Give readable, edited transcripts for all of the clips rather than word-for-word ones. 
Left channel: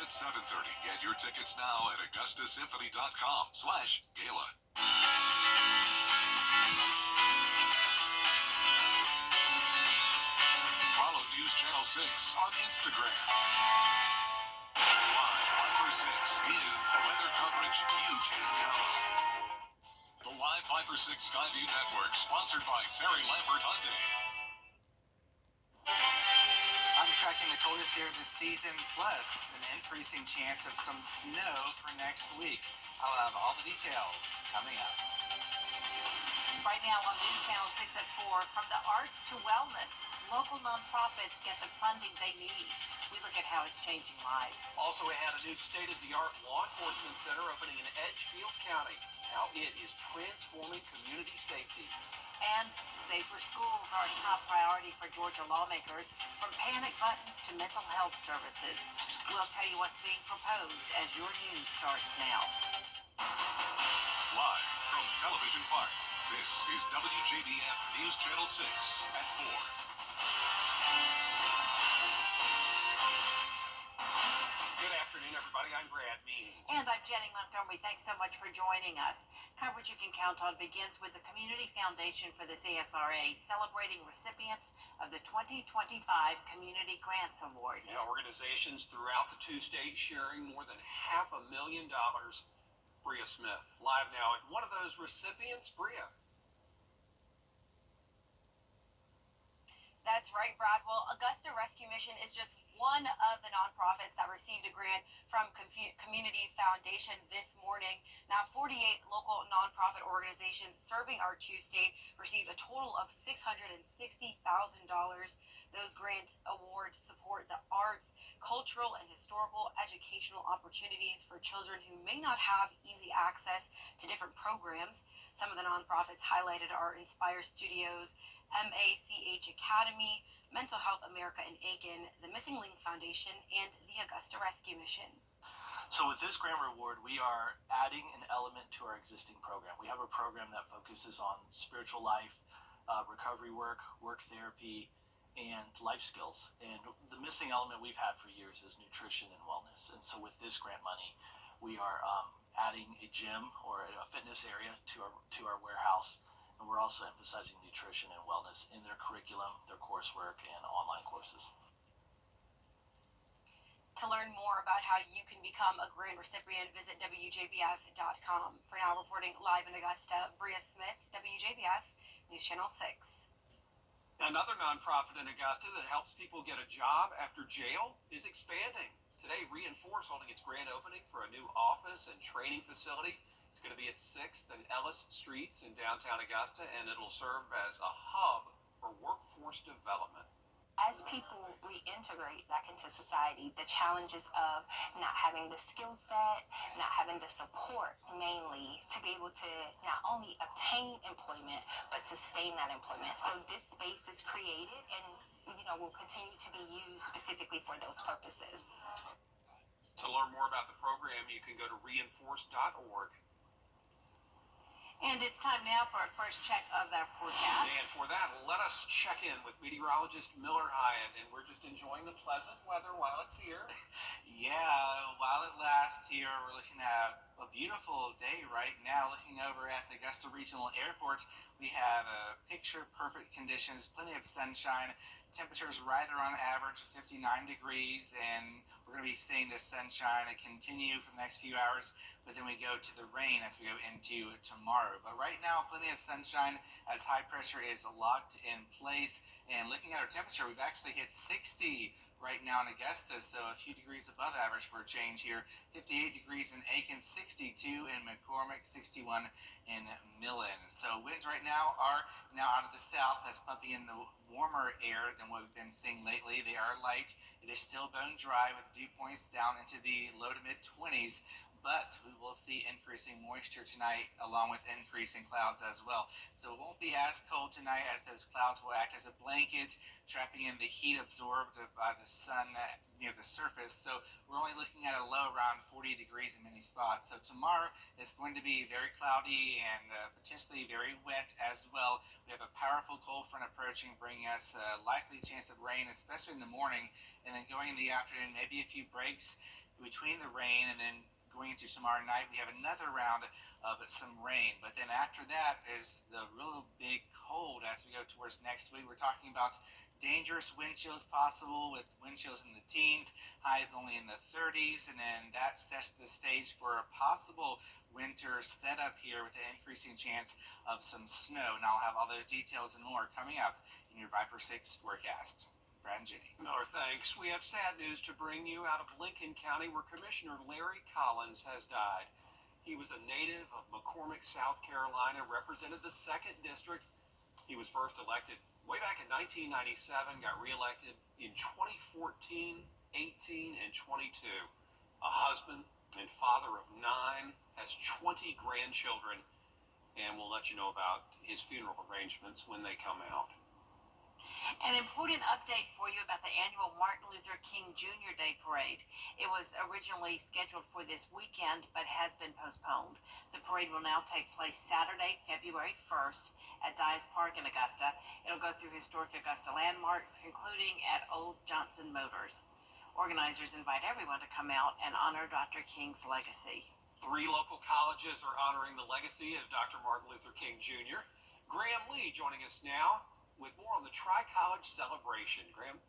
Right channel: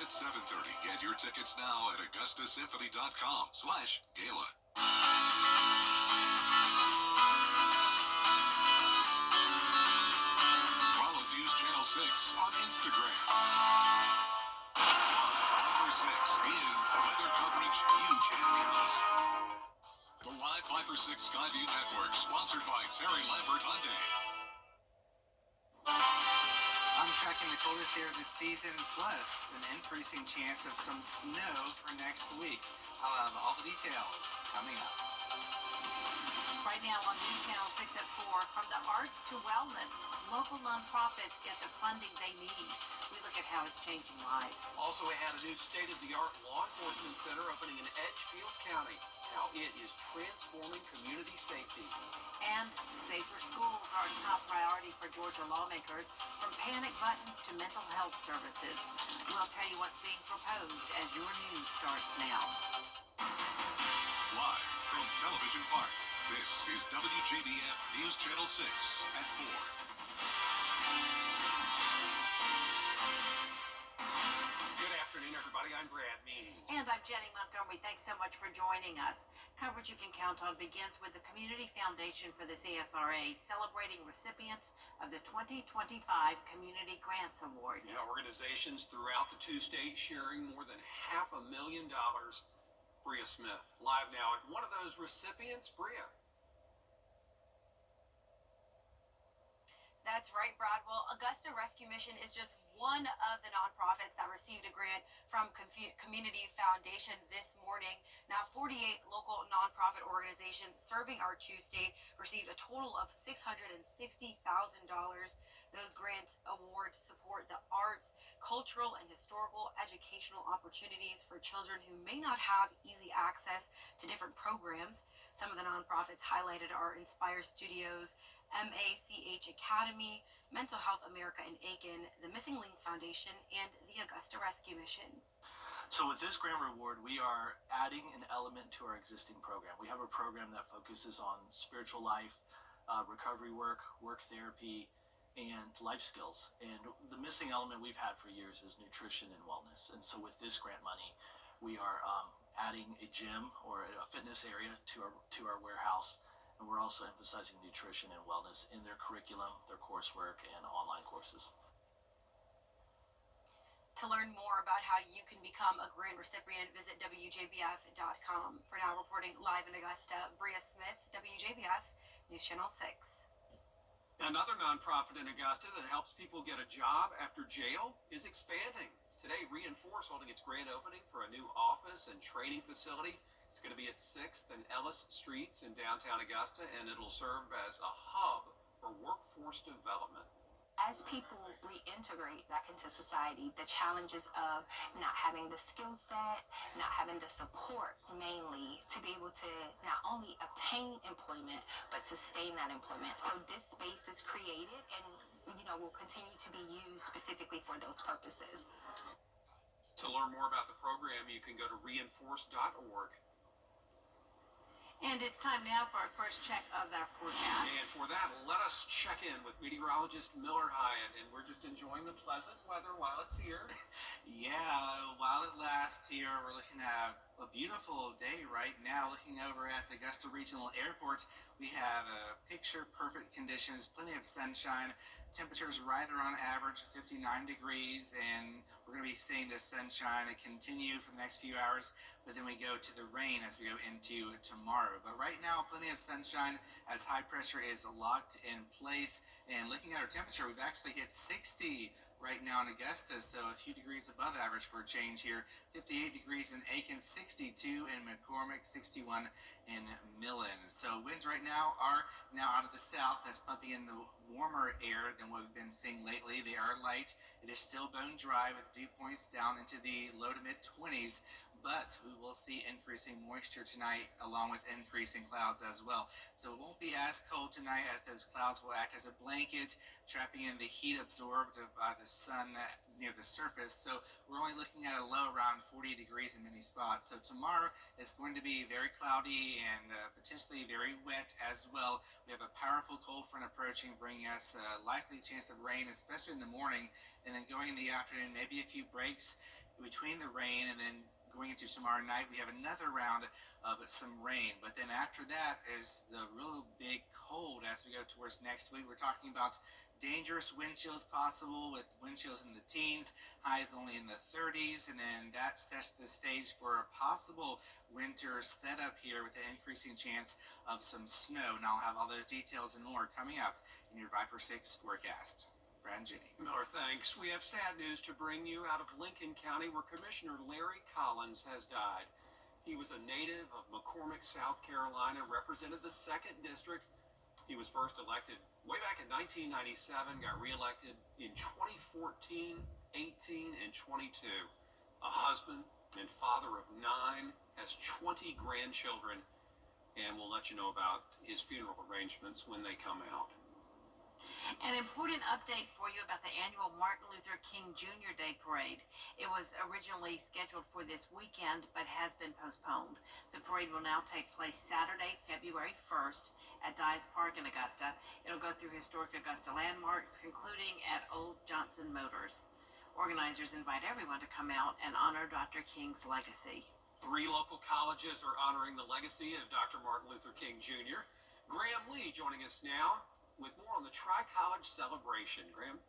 At 7:30. Get your tickets now at augustasymphony.com/gala. Follow News Channel 6 on Instagram. Live 5/6 is weather coverage you can count on. The Live 5/6 Skyview Network, sponsored by Terry Lambert Hyundai. I'm tracking the coldest air this season, plus an increasing chance of some snow for next week. I'll have all the details coming up. Right now on News Channel 6 at 4, from the arts to wellness, local nonprofits get the funding they need. We look at how it's changing lives. Also, we had a new state-of-the-art law enforcement center opening in Edgefield County. How it is transforming community safety. And safer schools are a top priority for Georgia lawmakers, from panic buttons to mental health services. We'll tell you what's being proposed as your news starts now. Live from Television Park, this is WJBF News Channel 6 at 4. Good afternoon, everybody. I'm Brad Means. And I'm Jenny Montgomery. Thanks so much for joining us. Coverage you can count on begins with the Community Foundation for the CSRA celebrating recipients of the 2025 Community Grants Awards. Yeah, organizations throughout the two states sharing more than $500,000. Bria Smith, live now at one of those recipients. Bria. That's right, Brad. Well, Augusta Rescue Mission is just one of the nonprofits that received a grant from Community Foundation this morning. Now, 48 local nonprofit organizations serving our two-state received a total of $660,000. Those grant awards support the arts, cultural and historical educational opportunities for children who may not have easy access to different programs. Some of the nonprofits highlighted are Inspire Studios, MACH Academy, Mental Health America in Aiken, the Missing Link Foundation, and the Augusta Rescue Mission. So with this grant reward, we are adding an element to our existing program. We have a program that focuses on spiritual life, recovery work, work therapy, and life skills. And the missing element we've had for years is nutrition and wellness. And so with this grant money, we are adding a gym or a fitness area to our warehouse. And we're also emphasizing nutrition and wellness in their curriculum, their coursework, and online courses. To learn more about how you can become a grant recipient, visit WJBF.com. For now, reporting live in Augusta, Bria Smith, WJBF, News Channel 6. Another nonprofit in Augusta that helps people get a job after jail is expanding. Today, Reinforce holding its grand opening for a new office and training facility. It's going to be at 6th and Ellis Streets in downtown Augusta, and it'll serve as a hub for workforce development. As people reintegrate back into society, the challenges of not having the skill set, not having the support mainly to be able to not only obtain employment, but sustain that employment. So this space is created and, will continue to be used specifically for those purposes. To learn more about the program, you can go to reinforce.org. And it's time now for our first check of our forecast. And for that, let us check in with meteorologist Miller Hyatt. And we're just enjoying the pleasant weather while it's here. Yeah, while it lasts here, we're looking at a beautiful day right now. Looking over at the Augusta Regional Airport, we have picture-perfect conditions, plenty of sunshine. Temperatures right around average, 59 degrees, and we're going to be seeing this sunshine continue for the next few hours, but then we go to the rain as we go into tomorrow. But right now, plenty of sunshine as high pressure is locked in place. And looking at our temperature, we've actually hit 60 right now in Augusta, so a few degrees above average for a change here. 58 degrees in Aiken, 62 in McCormick, 61 in Millen. So winds right now are now out of the south. That's pumping in the warmer air than what we've been seeing lately. They are light. It is still bone dry with dew points down into the low to mid 20s. But we will see increasing moisture tonight along with increasing clouds as well. So it won't be as cold tonight as those clouds will act as a blanket, trapping in the heat absorbed by the sun near the surface. So we're only looking at a low around 40 degrees in many spots. So tomorrow is going to be very cloudy and potentially very wet as well. We have a powerful cold front approaching, bringing us a likely chance of rain, especially in the morning, and then going in the afternoon, maybe a few breaks between the rain and then going into tomorrow night, we have another round of some rain. But then after that is the real big cold as we go towards next week. We're talking about dangerous wind chills possible with wind chills in the teens, highs only in the 30s, and then that sets the stage for a possible winter setup here with an increasing chance of some snow. And I'll have all those details and more coming up in your Viper 6 forecast. Brad and Jenny. Miller, thanks. We have sad news to bring you out of Lincoln County, where Commissioner Larry Collins has died. He was a native of McCormick, South Carolina, represented the 2nd District. He was first elected way back in 1997, got reelected in 2014, 18, and 22. A husband and father of 9, has 20 grandchildren, and we'll let you know about his funeral arrangements when they come out. An important update for you about the annual Martin Luther King Jr. Day Parade. It was originally scheduled for this weekend, but has been postponed. The parade will now take place Saturday, February 1st at Dyes Park in Augusta. It'll go through historic Augusta landmarks, concluding at Old Johnson Motors. Organizers invite everyone to come out and honor Dr. King's legacy. 3 local colleges are honoring the legacy of Dr. Martin Luther King Jr. Graham Lee joining us now with more on the Tri-College celebration. Graham?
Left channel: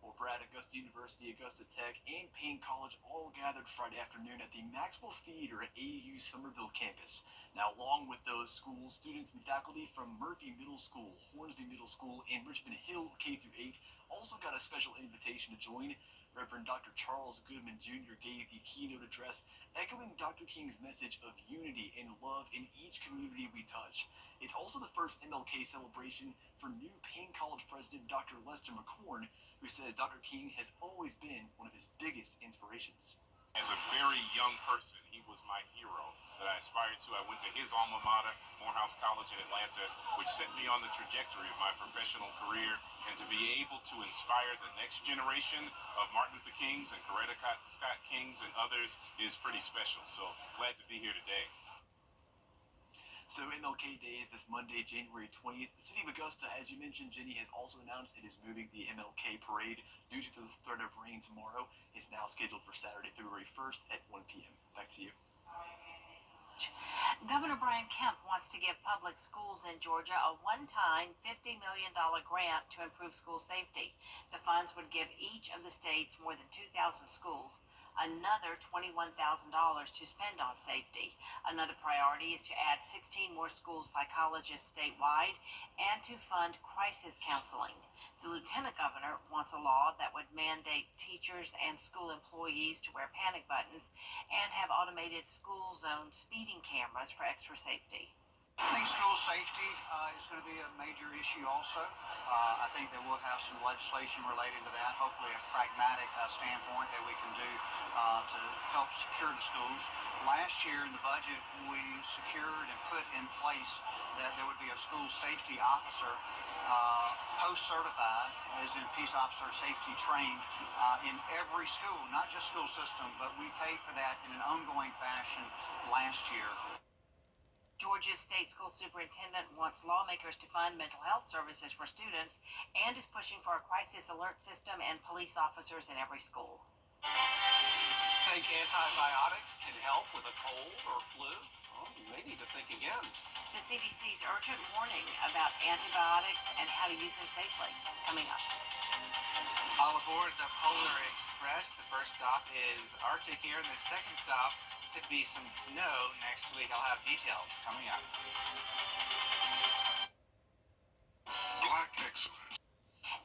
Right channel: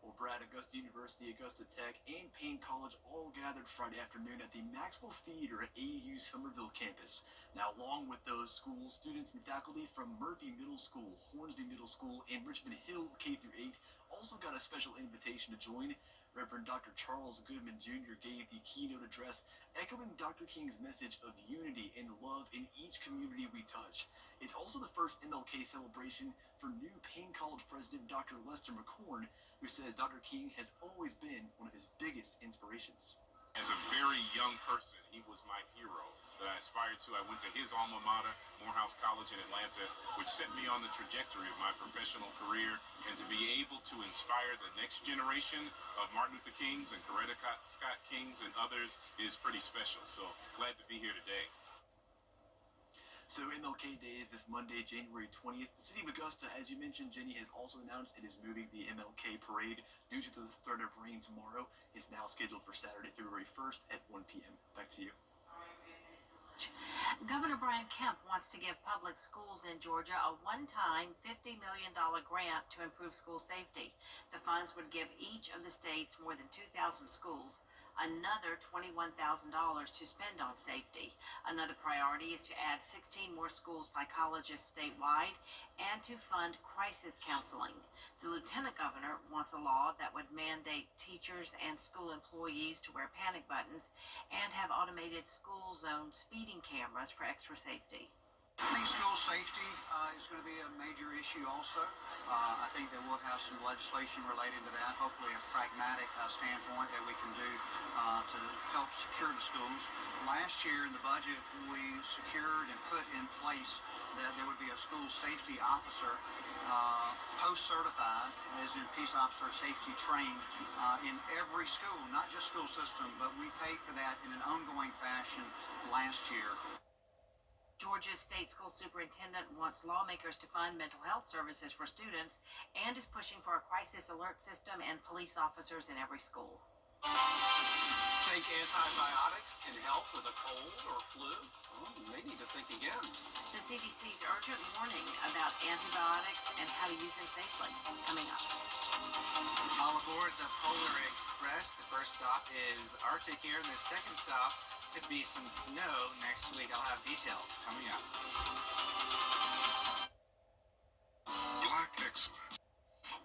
Well, Brad, Augusta University, Augusta Tech, and Payne College all gathered Friday afternoon at the Maxwell Theater at AU's Somerville campus. Now, along with those schools, students and faculty from Murphy Middle School, Hornsby Middle School, and Richmond Hill K-8 also got a special invitation to join. Reverend Dr. Charles Goodman Jr. gave the keynote address, echoing Dr. King's message of unity and love in each community we touch. It's also the first MLK celebration for new Payne College president Dr. Lester McCorn, who says Dr. King has always been one of his biggest inspirations. As a very young person, he was my hero that I aspired to. I went to his alma mater, Morehouse College in Atlanta, which set me on the trajectory of my professional career. And to be able to inspire the next generation of Martin Luther Kings and Coretta Scott Kings and others is pretty special. So glad to be here today. So MLK Day is this Monday, January 20th. The city of Augusta, as you mentioned, Jenny, has also announced it is moving the MLK parade due to the threat of rain tomorrow. It's now scheduled for Saturday, February 1st at 1 p.m. Back to you. Governor Brian Kemp wants to give public schools in Georgia a one-time $50 million grant to improve school safety. The funds would give each of the state's more than 2,000 schools another $21,000 to spend on safety. Another priority is to add 16 more school psychologists statewide and to fund crisis counseling. The lieutenant governor wants a law that would mandate teachers and school employees to wear panic buttons and have automated school zone speeding cameras for extra safety. I think school safety is going to be a major issue also. I think that we'll have some legislation related to that, hopefully a pragmatic standpoint that we can do to help secure the schools. Last year in the budget, we secured and put in place that there would be a school safety officer, post-certified, as in peace officer safety trained, in every school, not just school system, but we paid for that in an ongoing fashion last year. Georgia's state school superintendent wants lawmakers to fund mental health services for students and is pushing for a crisis alert system and police officers in every school. Think antibiotics can help with a cold or flu? Well, you may need to think again. The CDC's urgent warning about antibiotics and how to use them safely. Coming up. All aboard the Polar Express. The first stop is Arctic here, and the second stop could be some snow next week. I'll have details coming up. Black excellence.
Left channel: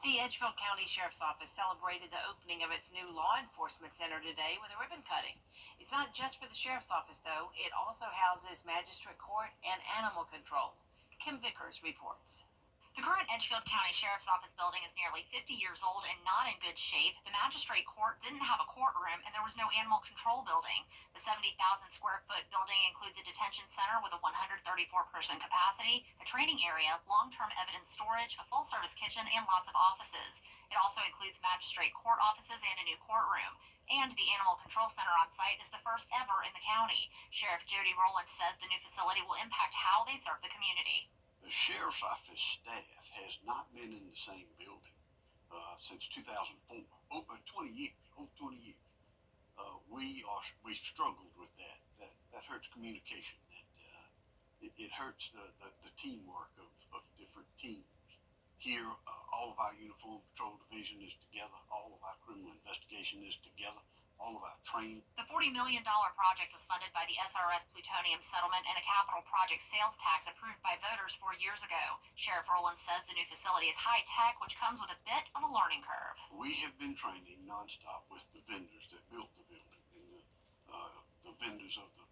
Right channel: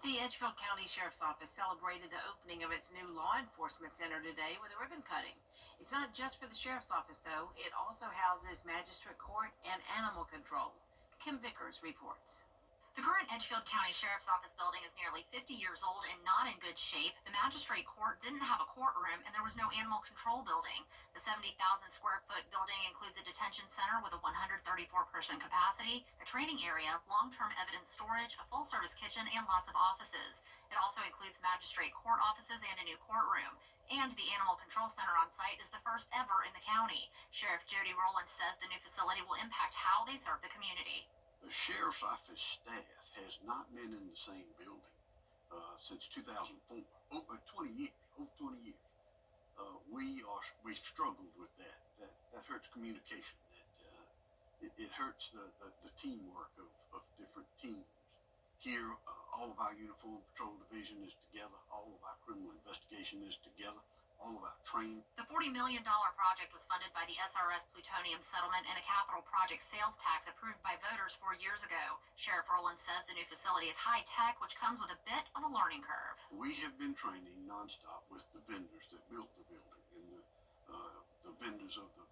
The Edgefield County Sheriff's Office celebrated the opening of its new law enforcement center today with a ribbon cutting. It's not just for the Sheriff's Office, though. It also houses Magistrate Court and Animal Control. Kim Vickers reports. The current Edgefield County Sheriff's Office building is nearly 50 years old and not in good shape. The Magistrate Court didn't have a courtroom, and there was no animal control building. The 70,000 square foot building includes a detention center with a 134-person capacity, a training area, long-term evidence storage, a full-service kitchen, and lots of offices. It also includes Magistrate Court offices and a new courtroom. And the Animal Control Center on site is the first ever in the county. Sheriff Jody Rowland says the new facility will impact how they serve the community. The Sheriff's Office staff has not been in the same building since 2004, over 20 years. we've struggled with that. That hurts communication. It hurts the teamwork of different teams. Here, all of our Uniform Patrol Division is together. All of our criminal investigation is together. All of our training. The $40 million project was funded by the SRS plutonium settlement and a capital project sales tax approved by voters 4 years ago. Sheriff Rowland says the new facility is high tech, which comes with a bit of a learning curve. We have been training nonstop with the vendors that built the building and the vendors of the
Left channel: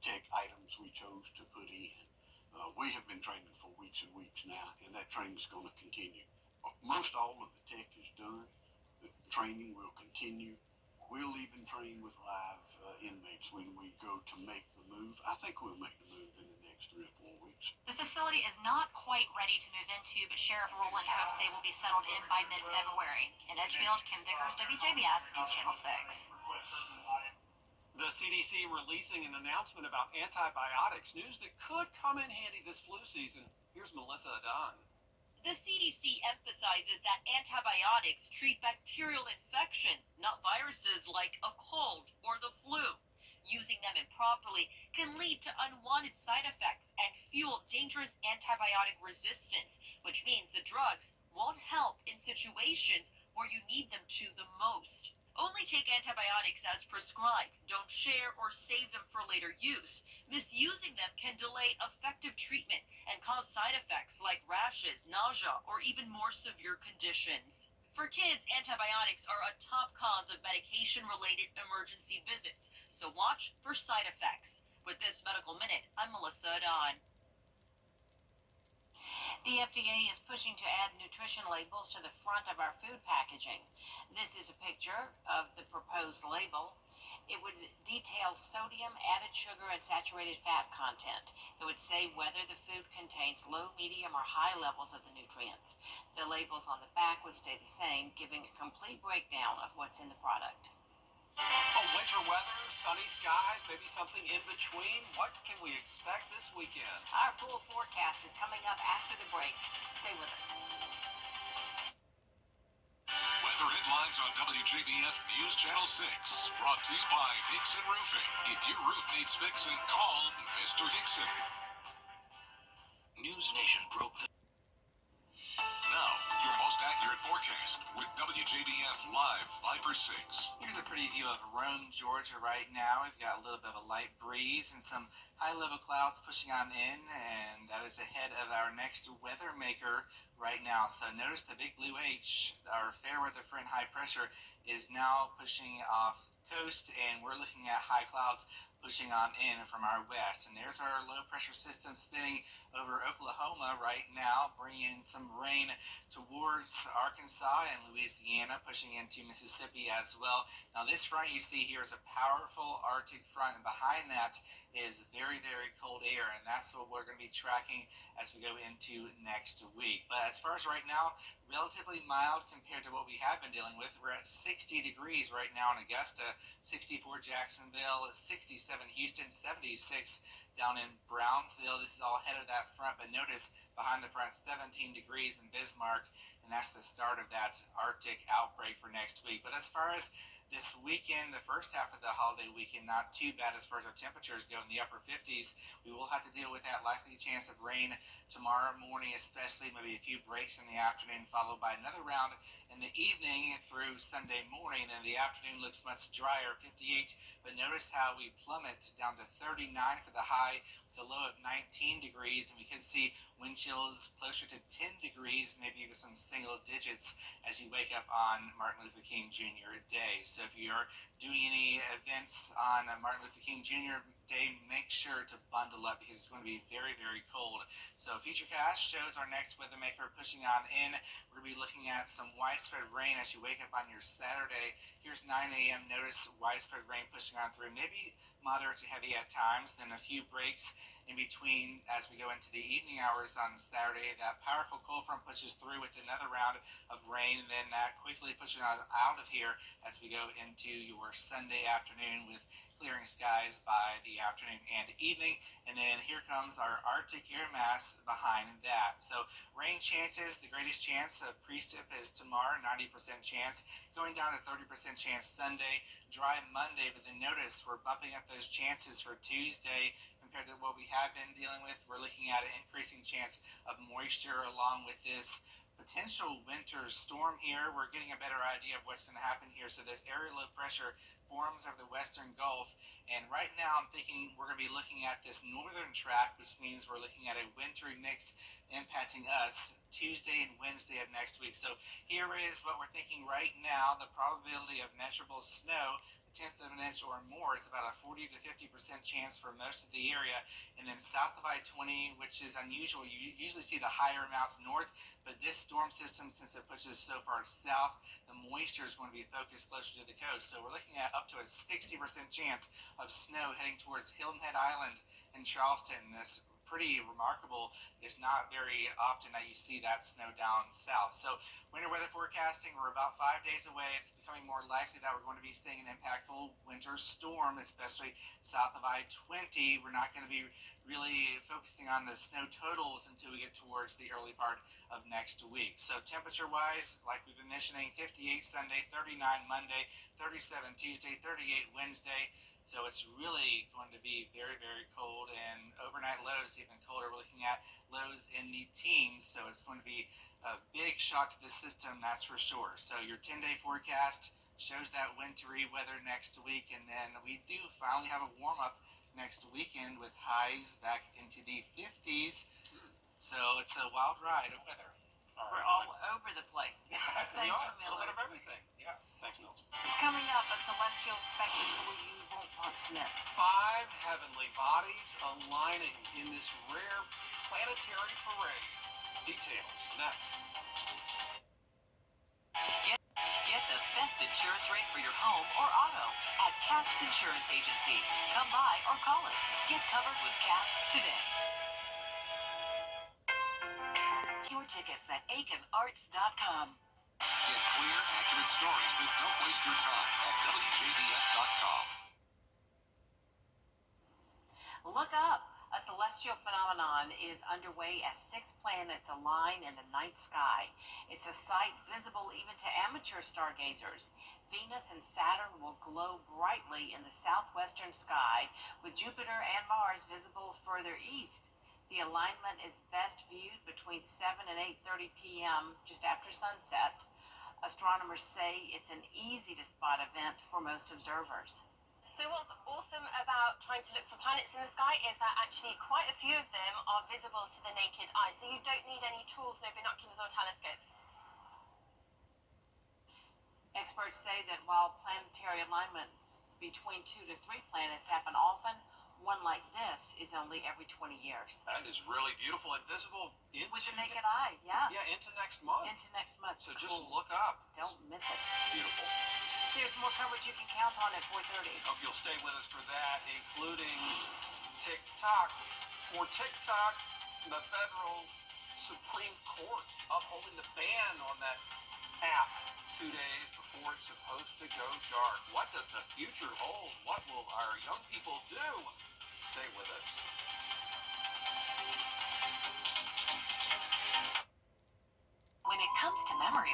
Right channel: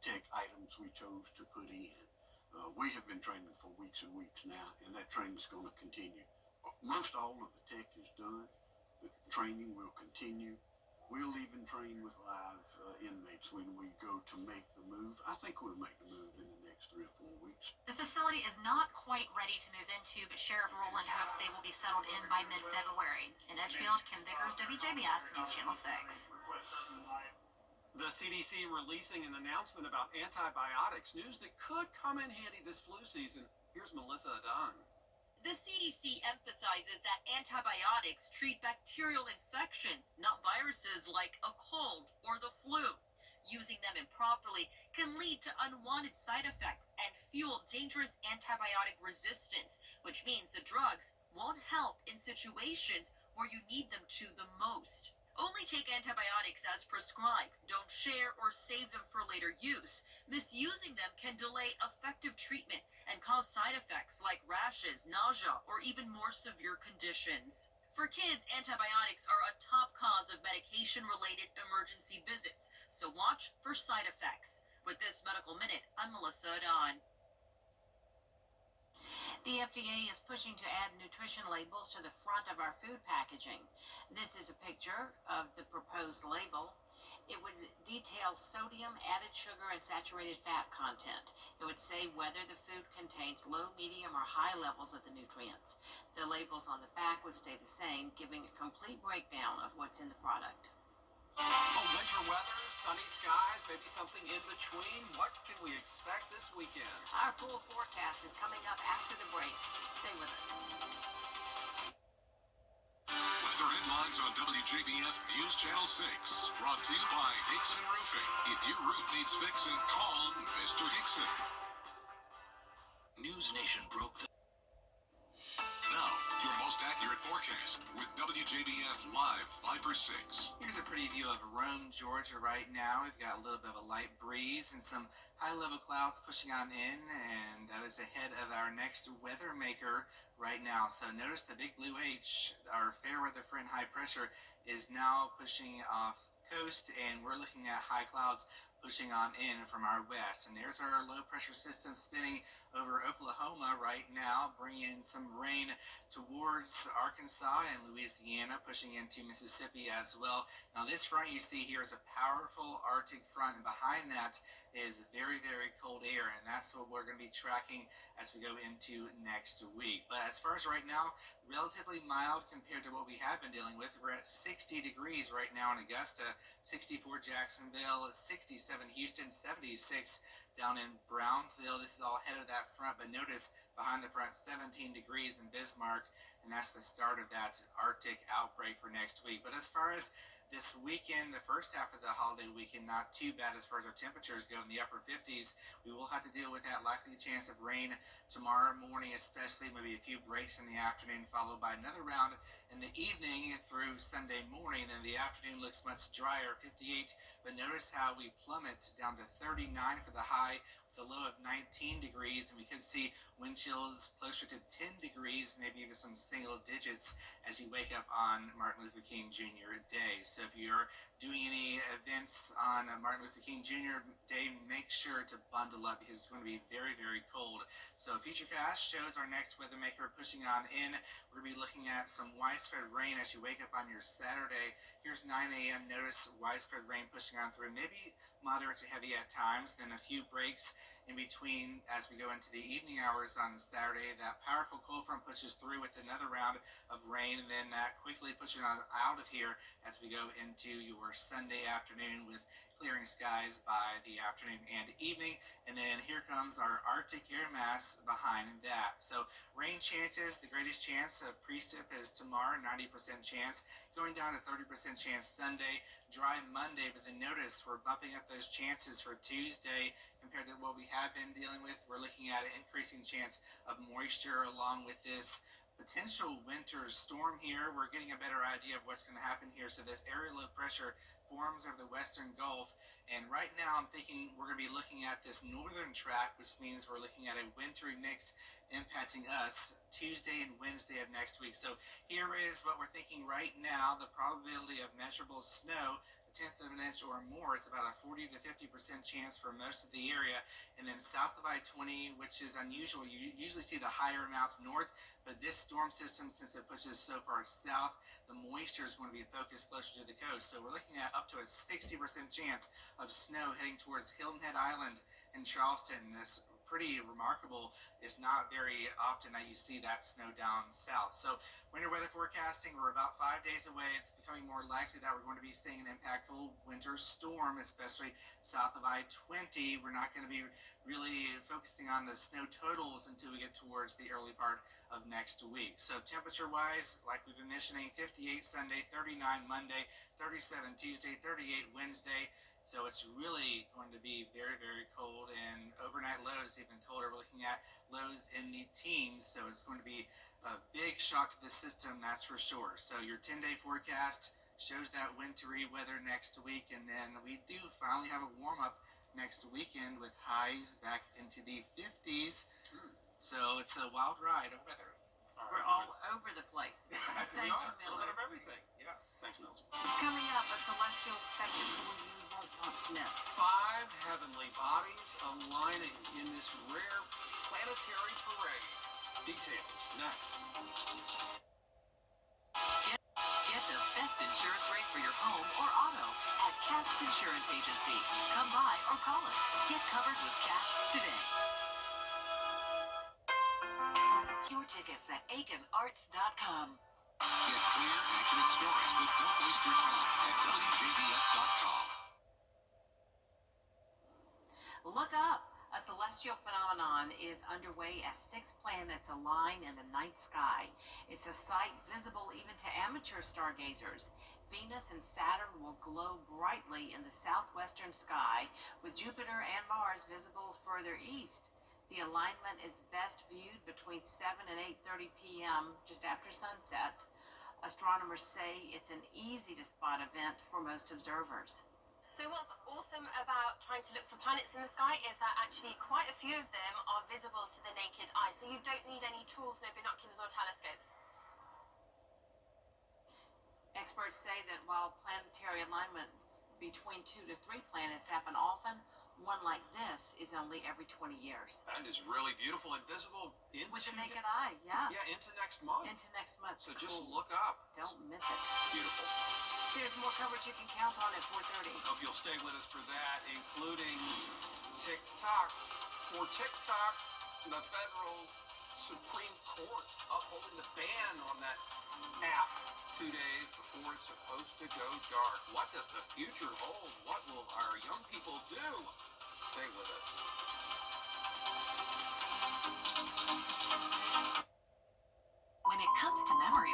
tech items we chose to put in. We have been training for weeks and weeks now, and that training is going to continue. Most all of the tech is done. The training will continue. We'll even train with live inmates when we go to make the move. I think we'll make the move in the next 3 or 4 weeks. The facility is not quite ready to move into, but Sheriff Rowland hopes they will be settled in by mid-February. In Edgefield, Kim Vickers, WJBF, News Channel 6. The CDC releasing an announcement about antibiotics, news that could come in handy this flu season. Here's Melissa Dunn. The CDC emphasizes that antibiotics treat bacterial infections, not viruses like a cold or the flu. Using them improperly can lead to unwanted side effects and fuel dangerous antibiotic resistance, which means the drugs won't help in situations where you need them to the most. Only take antibiotics as prescribed. Don't share or save them for later use. Misusing them can delay effective treatment and cause side effects like rashes, nausea, or even more severe conditions. For kids, antibiotics are a top cause of medication-related emergency visits, so watch for side effects. With this Medical Minute, I'm Melissa Don. The FDA is pushing to add nutrition labels to the front of our food packaging. This is a picture of the proposed label. It would detail sodium, added sugar, and saturated fat content. It would say whether the food contains low, medium, or high levels of the nutrients. The labels on the back would stay the same, giving a complete breakdown of what's in the product. Winter weather, sunny skies, maybe something in between. What can we expect this weekend? Our full forecast is coming up after the break. Stay with us. Weather headlines on WJBF News Channel 6. Brought to you by Hickson Roofing. If your roof needs fixing, call Mr. Hickson. News Nation broke the... Now, your most accurate forecast with WJBF Live 5/6. Here's a pretty view of Rome, Georgia right now. We've got a little bit of a light breeze and some high-level clouds pushing on in, and that is ahead of our next weather maker right now. So notice the big blue H, our fair weather front high pressure, is now pushing off coast, and we're looking at high clouds pushing on in from our west. And there's our low pressure system spinning over Oklahoma right now, bringing some rain towards Arkansas and Louisiana, pushing into Mississippi as well. Now this front you see here is a powerful Arctic front, and behind that is very, very cold air, and that's what we're going to be tracking as we go into next week. But as far as right now, relatively mild compared to what we have been dealing with. We're at 60 degrees right now in Augusta, 64 Jacksonville, 67 Houston, 76 down in Brownsville. This is all ahead of that front, but notice behind the front 17 degrees in Bismarck, and that's the start of that Arctic outbreak for next week. But as far as this weekend, the first half of the holiday weekend, not too bad as far as our temperatures go, in the upper 50s. We will have to deal with that likely chance of rain tomorrow morning, especially maybe a few breaks in the afternoon, followed by another round in the evening through Sunday morning. Then the afternoon looks much drier, 58. But notice how we plummet down to 39 for the high, with a low of 19 degrees, and we could see wind chills closer to 10 degrees, maybe even some single digits as you wake up on Martin Luther King Jr. Day. So if you're doing any events on Martin Luther King Jr. Day, make sure to bundle up because it's going to be very, very cold. So Futurecast shows our next weather maker pushing on in. We're going to be looking at some widespread rain as you wake up on your Saturday. Here's 9 a.m. Notice widespread rain pushing on through, maybe moderate to heavy at times, then a few breaks in between as we go into the evening hours on Saturday. That powerful cold front pushes through with another round of rain, and then that quickly pushing on out of here as we go into your Sunday afternoon with clearing skies by the afternoon and evening. And then here comes our Arctic air mass behind that. So rain chances, the greatest chance of precip is tomorrow, 90% chance, going down to 30% chance Sunday, dry Monday. But then notice we're bumping up those chances for Tuesday compared to what we have been dealing with. We're looking at an increasing chance of moisture along with this potential winter storm here. We're getting a better idea of what's going to happen here. So this area low pressure forms over the western Gulf, and right now I'm thinking we're going to be looking at this northern track, which means we're looking at a wintry mix impacting us Tuesday and Wednesday of next week. So here is what we're thinking right now. The probability of measurable snow, a tenth of an inch or more, is about a 40 to 50% chance for most of the area. And then south of I-20, which is unusual, you usually see the higher amounts north, but this storm system, since it pushes so far south, the moisture is going to be focused closer to the coast. So we're looking at up to a 60% chance of snow heading towards Hilton Head Island in Charleston. This pretty remarkable. It's not very often that you see that snow down south. So winter weather forecasting, we're about 5 days away. It's becoming more likely that we're going to be seeing an impactful winter storm, especially south of I-20. We're not going to be really focusing on the snow totals until we get towards the early part of next week. So temperature wise, like we've been mentioning, 58 Sunday, 39 Monday, 37 Tuesday, 38 Wednesday. So it's really going to be very, very cold, and overnight lows even colder. We're looking at lows in the teens, so it's going to be a big shock to the system, that's for sure. So your 10-day forecast shows that wintry weather next week, and then we do finally have a warm-up next weekend with highs back into the 50s. So it's a wild ride of weather. We're all over the place. We Thank are. you, A little Miller. bit of everything. Yeah. Thanks, Mills. Coming up, a celestial spectacle you won't want to miss. 5 heavenly bodies aligning in this rare planetary parade. Details next. Get the best insurance rate for your home or auto at Caps Insurance Agency. Come by or call us. Get covered with Caps today. Your tickets at aikenarts.com. Get clear, accurate stories that don't waste your time at WJBF.com. Look up! A celestial phenomenon is underway as 6 planets align in the night sky. It's a sight visible even to amateur stargazers. Venus and Saturn will glow brightly in the southwestern sky, with Jupiter and Mars visible further east. The alignment is best viewed between 7 and 8:30 p.m., just after sunset. Astronomers say it's an easy-to-spot event for most observers. So what's awesome about trying to look for planets in the sky is that actually quite a few of them are visible to the naked eye. So you don't need any tools, no binoculars or telescopes. Experts say that while planetary alignments between 2 to 3 planets happen often, one like this is only every 20 years. That is really beautiful and visible into With the naked eye, yeah. Yeah, into next month. Into next month. So Cool. just look up. Don't miss it. Beautiful. There's more coverage you can count on at 4:30. Hope you'll stay with us for that, including TikTok. For TikTok, the federal Supreme Court upholding the ban on that app 2 days before it's supposed to go dark. What does the future hold? What will our young people do? Stay with us.